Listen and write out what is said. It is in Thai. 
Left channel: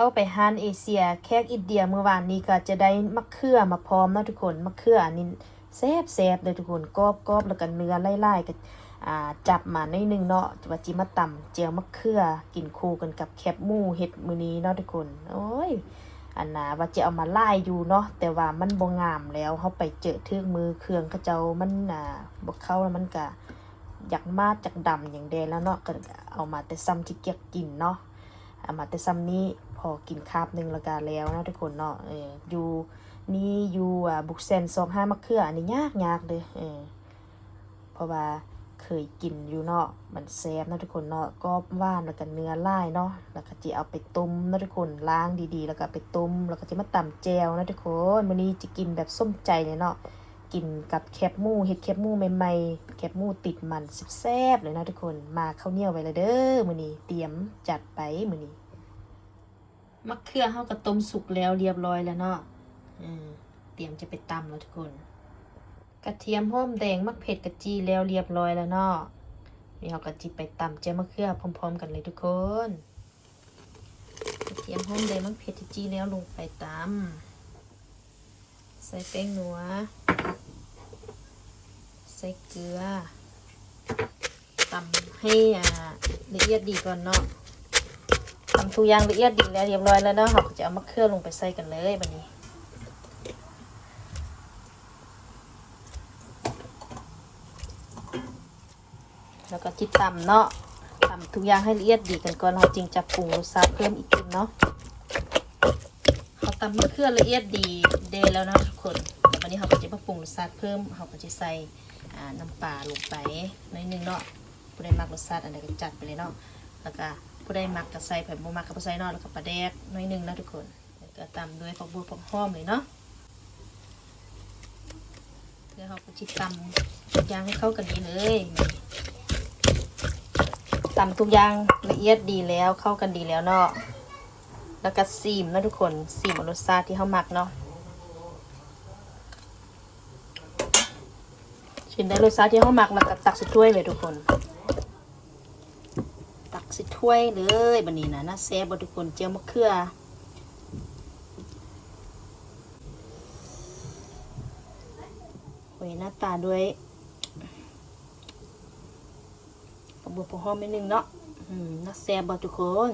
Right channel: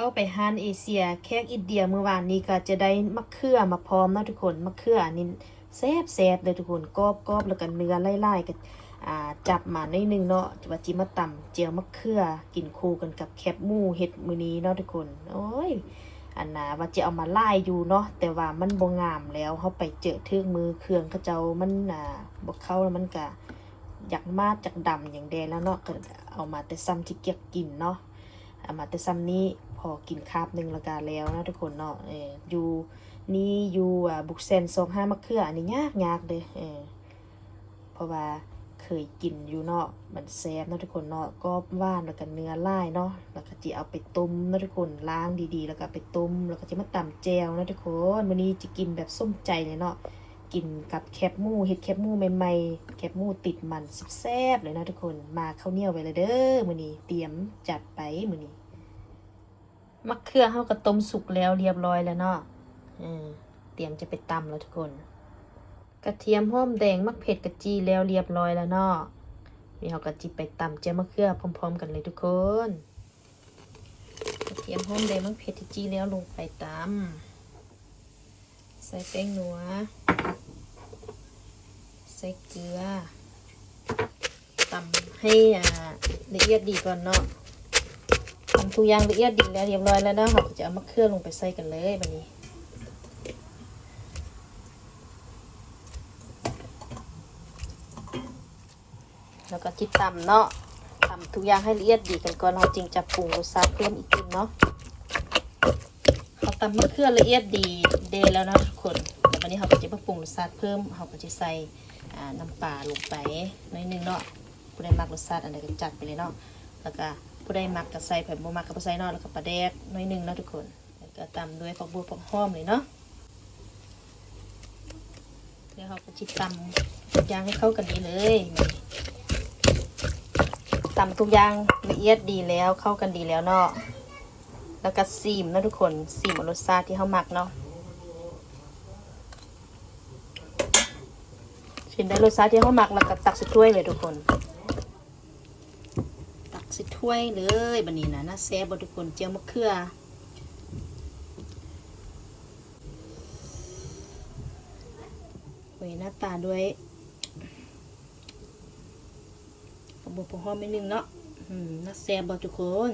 เข้าไปฮานเอเชียแขกอินเดียเมื่อวานนี้ก็จะได้มะเขือมาพร้อมนะทุกคนมะเขืออันนี้แซ่บเลยทุกคนกรอบแล้วก็เนื้อไล่ๆกันจับมาได้นึงเนาะว่าจิมาตำเจียวมะเขือกินคู่กันกับแคบหมูเห็ดมื้อนี้เนาะทุกคนโอ้ยอันน่ะว่าจะเอามาไล่อยู่เนาะแต่ว่ามันบ่งามแล้วเขาไปเจอทึ่งมือเครื่องเขาเจ้ามันบ่เข้าแล้วมันก็อยากมาจากดำอย่างเดแล้วเนาะก็เอามาแต่ซ้ำที่เกียกกินเนาะเอามาแต่ซ้ำนี้พอกินคาบนึงแล้วก็แล้วเนาะทุกคนเนาะอยู่นี่อยู่บุกเซน25มะเขืออันนี้ยากเลยเพราะว่าเคยกินอยู่เนาะมันแซ่บเนาะทุกคนเนาะก็ว่านแล้วก็เนื้อลายเนาะแล้วก็จะเอาไปต้มเนาะทุกคนล้างดีๆแล้วก็ไปต้มแล้วก็จะมาตำแจวนะทุกคนมื้อนี้จะกินแบบส้มใจเลยเนาะกินกับแคบหมูเห็ดแคบหมูใหม่ๆแคบหมูติดมันแซ่บเลยนะทุกคนมาข้าวเหนียวไว้เลยเด้อมื้อนี้เตรียมจัดไปมื้อนี้มะเขือเฮาก็ต้มสุกแล้วเรียบร้อยแล้วเนาะเตรียมจะไปตำแล้วทุกคนกระเทียมหอมแดงมะเผ็ดกระจีแล้วเรียบร้อยแล้วเนาะนี่เรากระจีไปตำเจียวมะเขือพร้อมๆกันเลยทุกคนกระเทียมหอมแดงมะเผ็ดกระจีแล้วลงไปตำใส่แป้งนัวใส่เกลือตำให้ละเอียดดีก่อนเนาะทำทุกอย่างละเอียดดีแล้วเรียบร้อยแล้วเนาะเราจะเอามะเขือลงไปใส่กันเลยแบบนี้แล้วก็จิตตำเนาะตำทุกอย่างให้ละเอียดดีกันก่อนเราจึงจะปรุงรสชาติเพิ่มอีกเนาะเขาตำมะเขือละเอียดดีเดแล้วนะทุกคนแต่วันนี้เราก็จะมาปรุงรสชาติเพิ่มเราก็จะใส่น้ำปลาลงไปนิดนึงเนาะผู้ใดมักรสชาติอันใดก็จัดไปเลยเนาะแล้วก็ผู้ใดมักก็ใส่ไผ่บ่มักก็ใส่เนาะแล้วก็ปลาแดกนิดนึงนะทุกคนแล้วก็ตำด้วยผักบัวผักหอมเลยเนาะเดี๋ยวเราก็จะตำทุกอย่างให้เข้ากันดีเลยตำทุกอย่างละเอียดดีแล้วเข้ากันดีแล้วเนาะแล้วก็ซีมนะทุกคนซีมรสชาติที่เขาหมักเนาะชิมได้รสชาติที่เขาหมักแล้วก็ตักใส่ถ้วยเลยทุกคนตักใส่ถ้วยเลยบัดนี้นะน่าแซ่บทุกคนเจียวมะเขือโอ้ยหน้าตาด้วยผักบัวผักหอมนิดนึงเนาะน่าแซ่บทุกคน